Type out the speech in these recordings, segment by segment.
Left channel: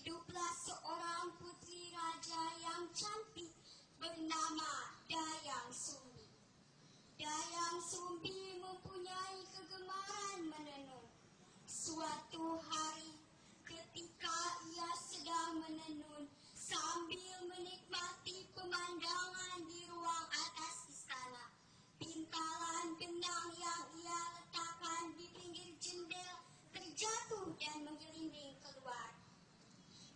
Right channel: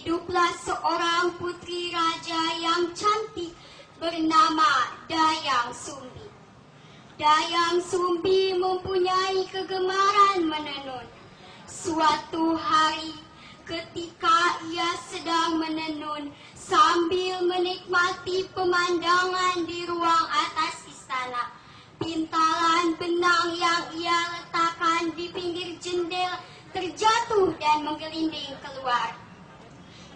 hiduplah seorang putri raja yang cantik bernama Dayang Sumbi. Dayang Sumbi mempunyai kegemaran menenun. Suatu hari ketika ia sedang menenun sambil menikmati pemandangan di ruang atas istana, pintalan benang yang ia letakkan di pinggir jendela terjatuh dan menggelinding keluar.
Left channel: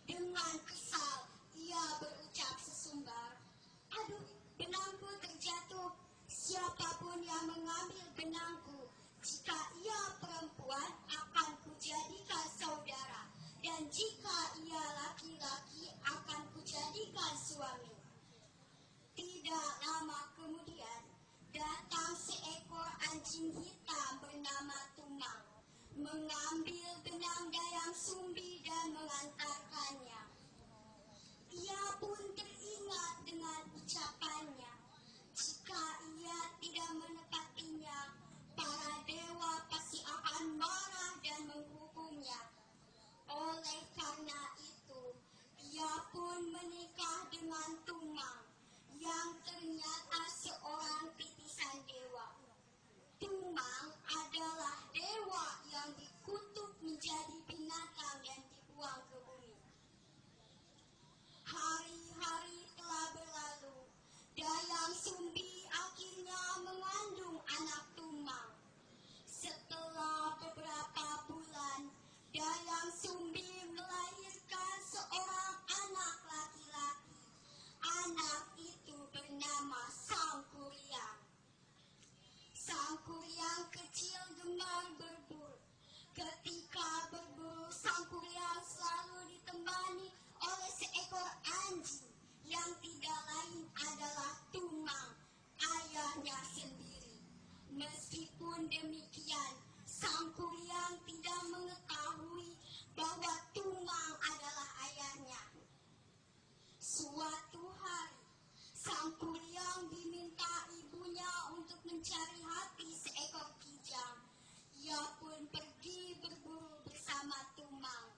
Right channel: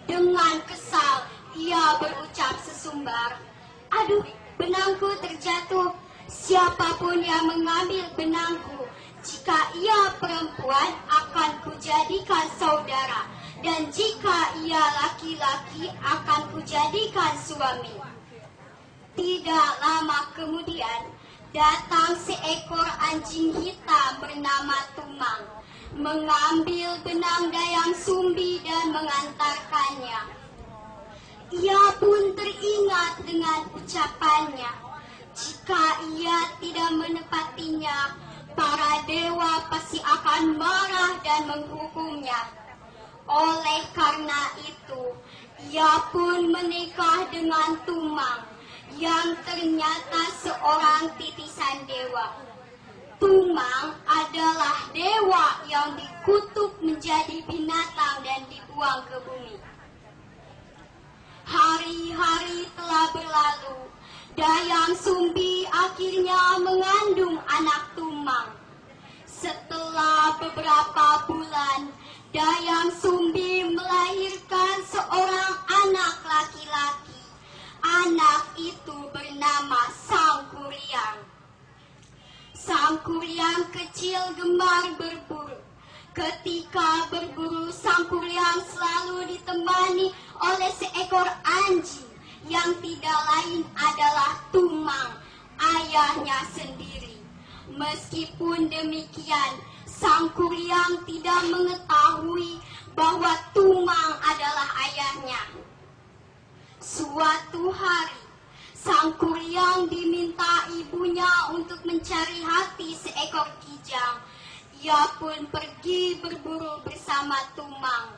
Dengan kesal, ia berucap sesumbar, "Aduh, benangku terjatuh. Siapapun yang mengambil benangku, jika ia perempuan akan kujadikan saudara, dan jika ia laki-laki akan kujadikan suami." Tidak lama kemudian, datang seekor anjing hitam bernama Tumang, mengambil benang Dayang Sumbi dan mengantarkannya. Ia pun teringat dengan ucapannya, jika ia tidak menepatinya, para dewa pasti akan marah dan menghukumnya. Oleh karena itu, ia pun menikah dengan Tumang, yang ternyata seorang titisan dewa. Tumang adalah dewa yang dikutuk menjadi binatang dan dibuang ke bumi. Hari-hari telah berlalu. Dayang Sumbi akhirnya mengandung anak Tumang. Setelah beberapa bulan, Dayang Sumbi melahirkan seorang anak laki-laki. Anak itu bernama Sangkuriang. Sangkuriang kecil gemar berburu. Ketika berburu, Sangkuriang selalu ditemani oleh seekor anjing yang tidak lain adalah Tumang, ayahnya sendiri. Meskipun demikian, Sangkuriang tidak mengetahui bahwa Tumang adalah ayahnya. Suatu hari, Sangkuriang diminta ibunya untuk mencari hati seekor kijang. Ia pun pergi berburu bersama Tumang.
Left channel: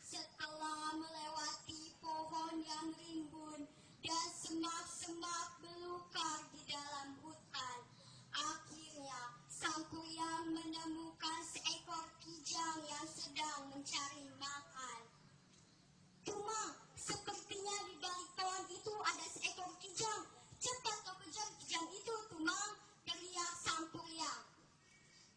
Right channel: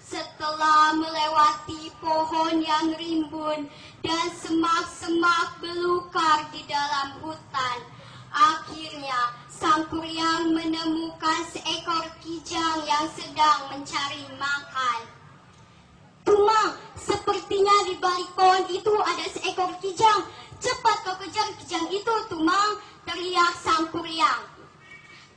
Setelah melewati pohon yang rimbun dan semak-semak belukar di dalam hutan, akhirnya Sangkuriang menemukan seekor kijang yang sedang mencari makan. "Tumang, sepertinya di balik pohon itu ada seekor kijang. Cepat kau kejar kijang itu, Tumang," teriak Sangkuriang.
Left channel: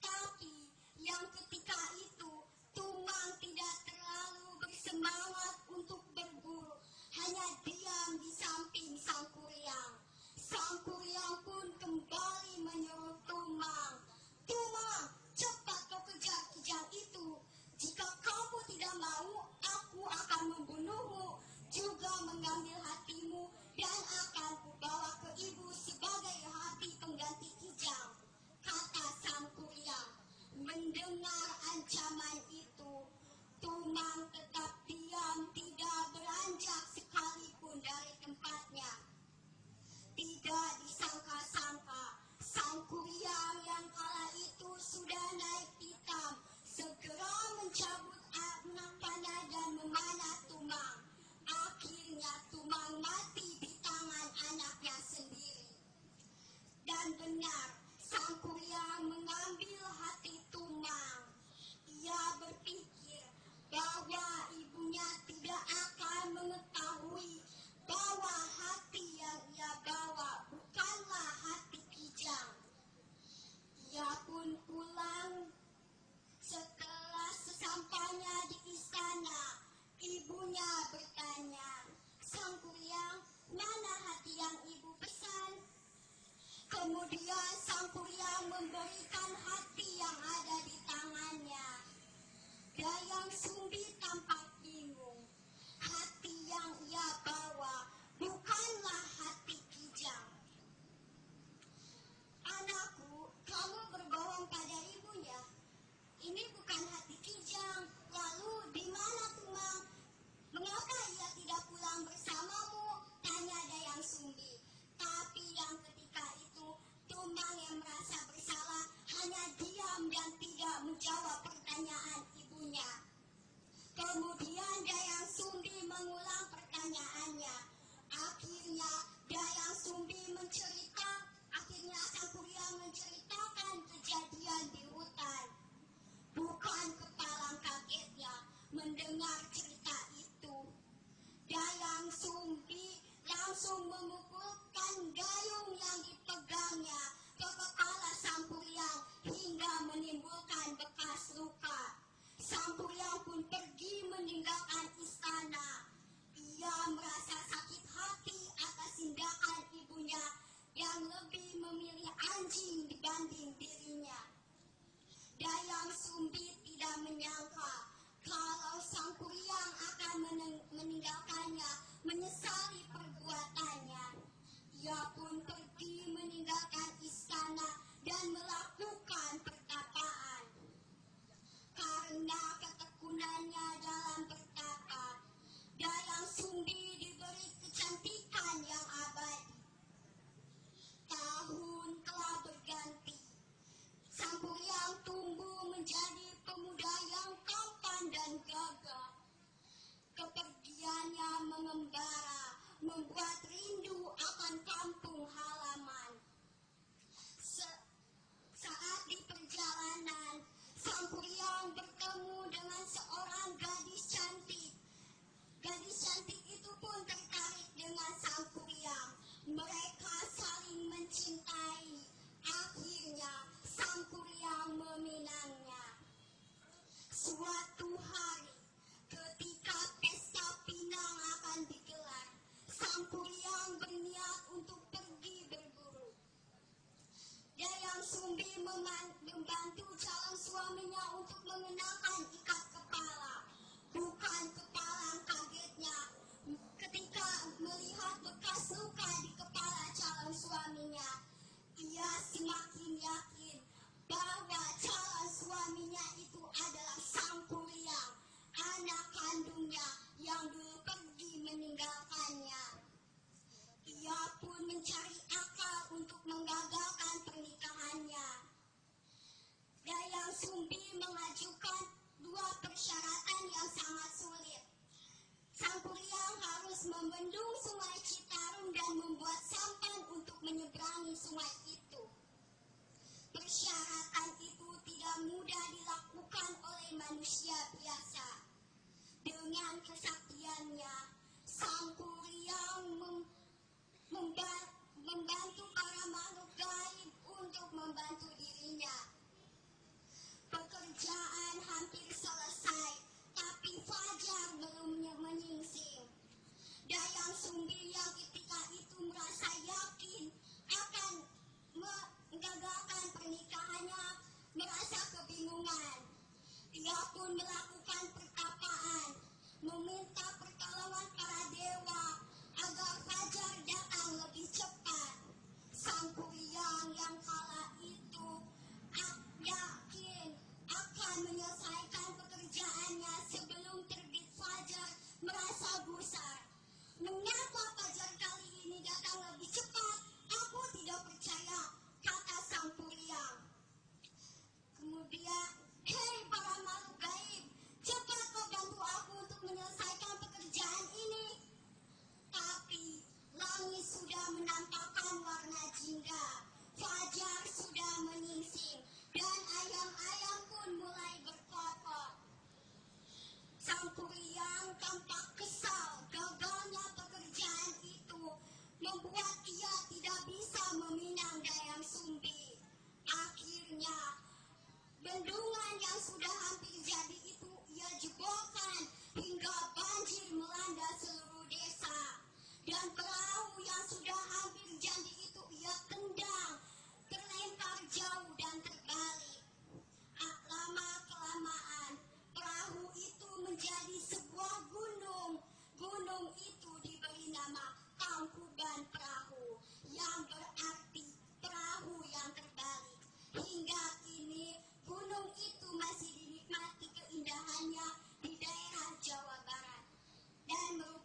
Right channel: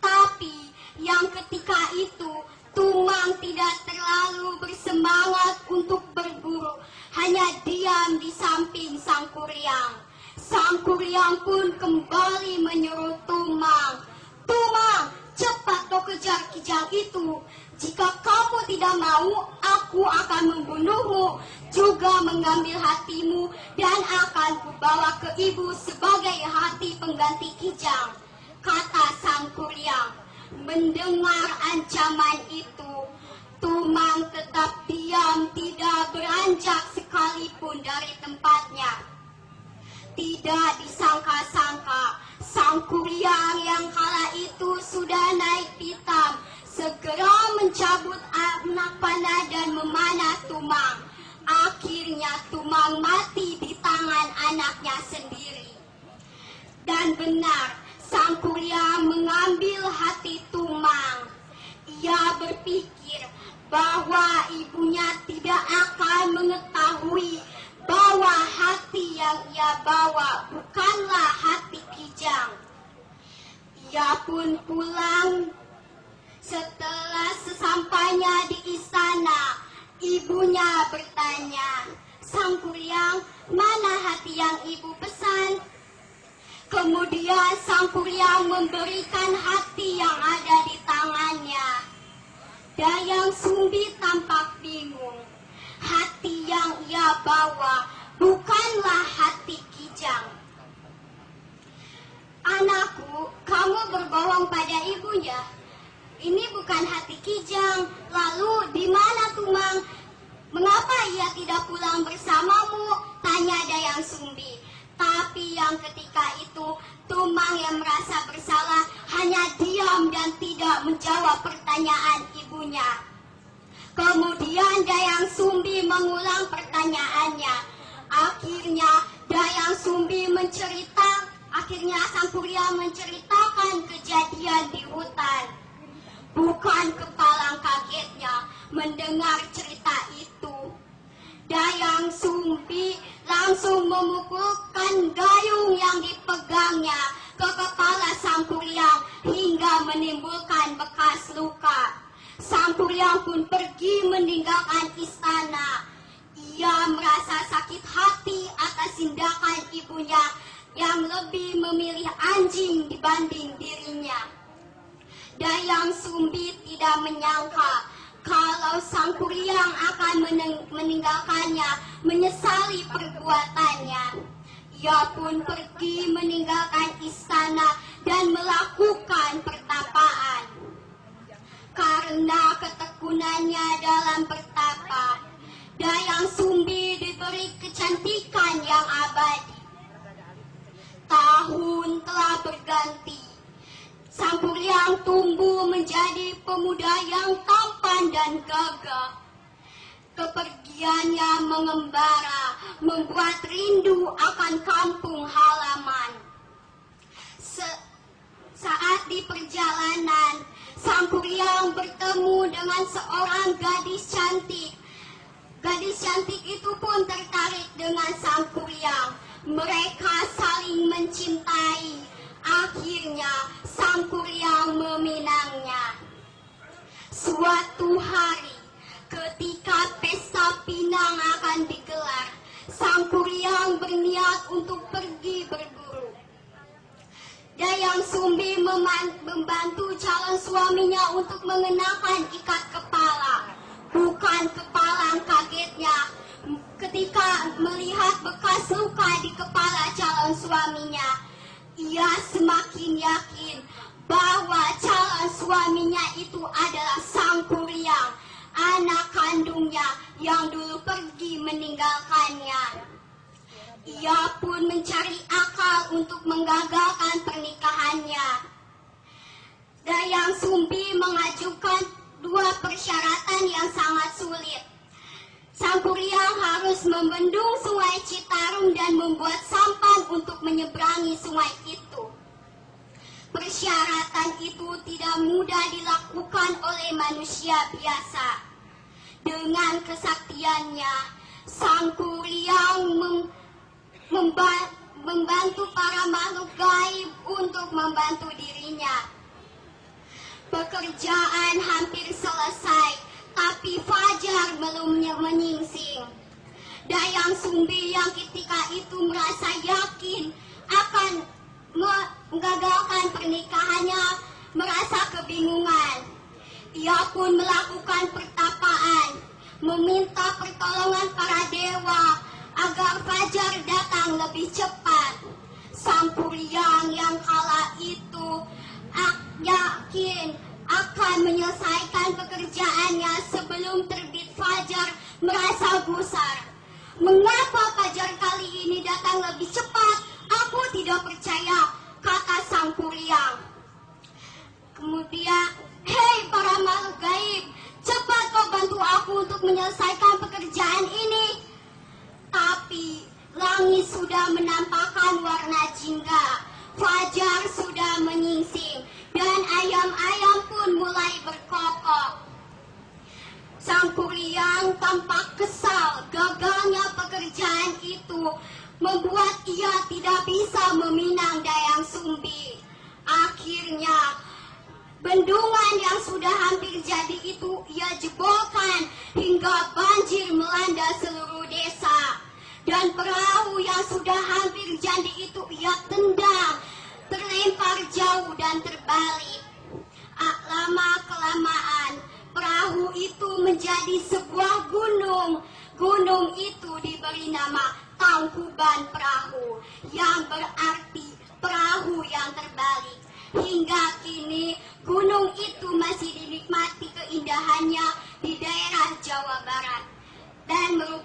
Tapi yang ketika itu Tumang tidak terlalu bersemangat untuk berburu, hanya diam di samping Sangkuriang. Sangkuriang pun kembali menyuruh Tumang, "Tumang, cepat kau kejar kijang itu. Jika kamu tidak mau, aku akan membunuhmu, juga mengambil hatimu, dan akan kubawa ke ibu sebagai hati pengganti kijang," kata Sangkuriang. Mendengar ancaman itu, Tumang tetap diam, tidak beranjak sekalipun dari tempatnya. Tidak disangka-sangka, Sangkuriang yang kala itu sudah naik pitam segera mencabut anak panah dan memanah Tumang. Akhirnya Tumang mati di tangan anaknya sendiri. Dan benar, Sangkuriang mengambil hati Tumang. Ia berpikir bahwa ibunya tidak akan mengetahui bahwa hati yang ia bawa bukanlah hati kijang. Ia pun pulang. Setelah sesampainya di istana, ibunya bertanya, "Sangkuriang, mana hati yang ibu pesan?" Kemudian Sangkuriang memberikan hati yang ada di tangannya. Dayang Sumbi tampak bingung. Hati yang ia bawa bukanlah hati ini bukan hati Kijang. Lalu di mana Tumang? Mengapa ia tidak pulang bersamamu? Tanya Dayang Sumbi. Tapi yang ketika itu Tumang yang merasa bersalah hanya diam dan tidak menjawab pertanyaan ibunya. Kemudian Dayang Sumbi mengulang pertanyaannya. Akhirnya Sang Kurya menceritakan kejadian di hutan. Bukan kepalang kagetnya mendengar cerita itu. Dayang Sumbi langsung memukulkan gayung yang dipegangnya ke kepala Sang Kuryang hingga menimbulkan bekas luka. Sang Kuryang pun pergi meninggalkan istana. Ia merasa sakit hati atas tindakan ibunya yang lebih memilih anjing dibanding dirinya. Dayang Sumbi tidak menyangka kalau Sang Kuryang akan meninggalkannya, menyesali perbuatannya. Ia pun pergi meninggalkan istana dan melakukan pertapaan. Karena ketekunannya dalam bertapa, Dayang Sumbi diberi kecantikan yang abadi. Tahun telah berganti. Sang Kuryang tumbuh menjadi pemuda yang tampan dan gagah. Kepergiannya mengembara, membuat rindu akan kampung halaman. Saat di perjalanan, Sang Kuryang bertemu dengan seorang gadis cantik. Gadis cantik itu pun tertarik dengan Sang Kuryang. Mereka saling mencintai. Akhirnya Sang Kuryang meminangnya. Suatu hari, ketika pesta pinang akan digelar, Sang Kuryang berniat untuk pergi berburu. Dayang Sumbi membantu calon suaminya untuk mengenakan ikat kepala. Bukan kepalang kagetnya ketika melihat bekas luka di kepala calon suaminya. Ia semakin yakin bahwa calon suaminya itu adalah Sang Kuryang, anak kandungnya yang dulu pergi meninggalkannya. Ia pun mencari akal untuk menggagalkan pernikahannya. Dayang Sumbi mengajukan dua persyaratan yang sangat sulit. Sang Kuryang harus membendung sungai Citarum dan membuat sampan untuk menyeberangi sungai itu. Persyaratan itu tidak mudah dilakukan oleh manusia biasa. Dengan kesaktiannya, Sang Kuryang membantu para makhluk gaib untuk membantu dirinya. Pekerjaan hampir selesai, tapi fajar belum menyingsing. Dayang Sumbi yang ketika itu merasa yakin akan menggagalkan pernikahannya, merasa kebingungan. Ia pun melakukan pertapaan, meminta pertolongan para dewa agar fajar datang lebih cepat. Sang Kuryang yang kala itu yakin akan menyelesaikan pekerjaannya sebelum terbit fajar, merasa gusar. Mengapa fajar kali ini datang lebih cepat? Aku tidak percaya, kata Sang Kuryang. Kemudian, hei para makhluk gaib, cepat kau bantu aku untuk menyelesaikan pekerjaan ini. Tapi langit sudah menampakkan warna jingga, fajar sudah menyingsing, dan ayam-ayam pun mulai berkokok. Sang Kuryang tampak kesal. Gagalnya pekerjaan itu membuat ia tidak bisa meminang Dayang Sumbi. Akhirnya, bendungan yang sudah hampir jadi itu ia jebolkan hingga banjir melanda seluruh desa. Dan perahu yang sudah hampir jadi itu ia tendang, terlempar jauh dan terbalik. Lama-kelamaan, perahu itu menjadi sebuah gunung. Gunung itu diberi nama Tangkuban Perahu, yang berarti perahu yang terbalik. Hingga kini gunung itu masih dinikmati keindahannya di daerah Jawa Barat dan merupakan